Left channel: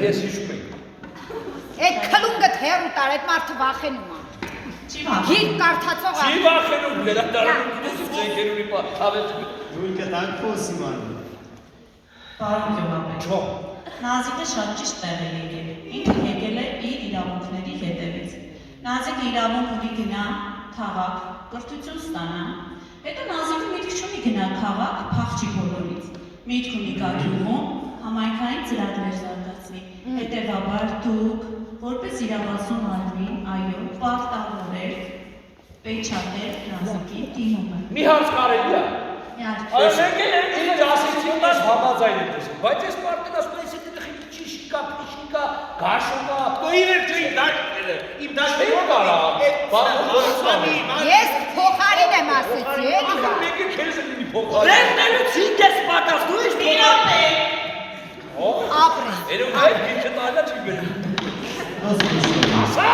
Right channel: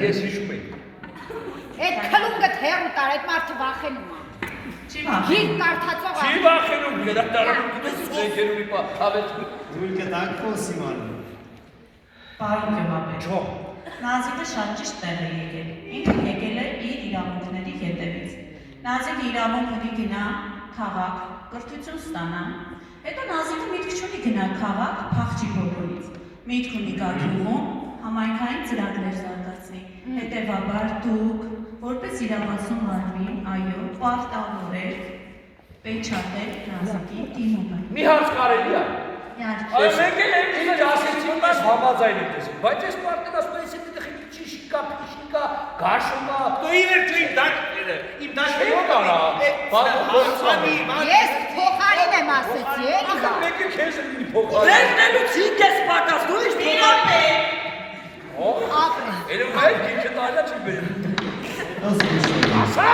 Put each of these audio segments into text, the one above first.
Ես հիշում եմ։ Այդ քլունգը թերու տար, այդ մարդը վախենում է։ Գիրք կարդացող Չի վախենում, գերակտարանում դուք ձեքերունի հավետ։ Ույնքը տակոս իմանու։ Պարոն Գյուղապետ։ Չէ։ Նազիկը շատ ճիշտ տեղ է եկել։ Ինքը եկել է իր իրավունքների հետևից։ Նազիկը իրավունք ունի գնա քաղաք, կրթություն ստանա։ Հետո Նազիկը միտք չունի գնալ քաղաք, փախչի բոլորից։ Միտք ունի գա գյուղում, համայնքային ծրագրեր զարգացնի։ Հետևաբար դուք, որպես իրավացու մարմին, այո, պարտավոր եք պեչատել Նազիկի դիմումը։ Մի հարց կարելի է։ Իհարկե։ Եկել եմ ինձ ասեցին ես համաձայն եմ տեսել, բայց ես մարդն ասում եմ, եթե դրի ճիշկա, փիշկա, գաշոկա, դու իրքի դաշտերը, իմ դաշտերը կարա։ Ես փոխարին եմ ասեցի, էլի բա։ Մեկը քեզ ունի փոխարին։ Վերնելուց ինքես պատաս, դու իշ փոխարին։ Ապրես։ Երում հայ դիրքը տալյա չի բերում։ Ասա։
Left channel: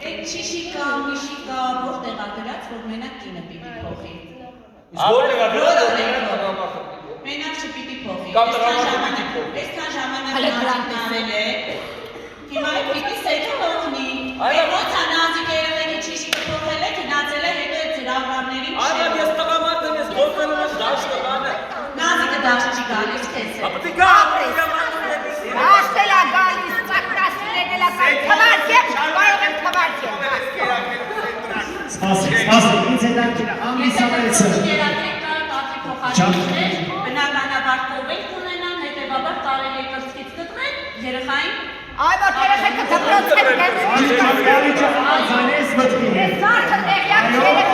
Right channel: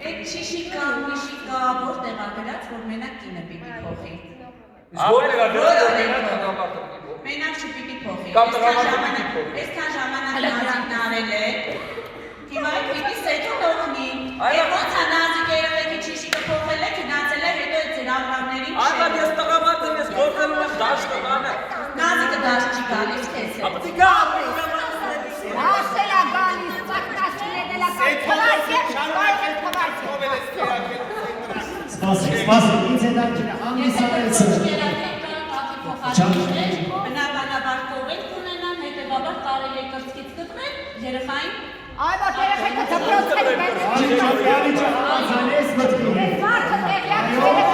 Այդ չիշիկա, միշիկա, որտեղ ա գրած, որ մենակ կինը պիտի փոխի։ Որտեղ ա գրած, որ մենակ տղամարդը պիտի փոխի։ Մենակ չպիտի փոխի։ Կամ տղամարդը պիտի փոխի։ Այսքան ժամանակ Նազիկն արել է, հիմա պիտի սեթուն օգնի։ Ոնց է Նազիկը երևի չիշիկը փոխել է, գնացել է, հետո այդ ծրագրավորներին Այդա ես տղամարդն ես գործելու եմ դաշտը բանը։ Նազիկը դաշտ չի գալիս քեզ։ Ապտի գա, իրավանքների Դաշտել ա գալիս, ծակտասին եկել ա Սպասի, ինձ է դարքին է, ամիսապեցը։ Բնականաբար կովենք ունենան, հետևաբար կարելի է կրծքից կտրել, երեխային Այ ո՞ր երեխեքը դպրոց են գալիս։ Ալի կապյալի չխանձանես մտքի։ Ես մարդը տեղյակ երեխա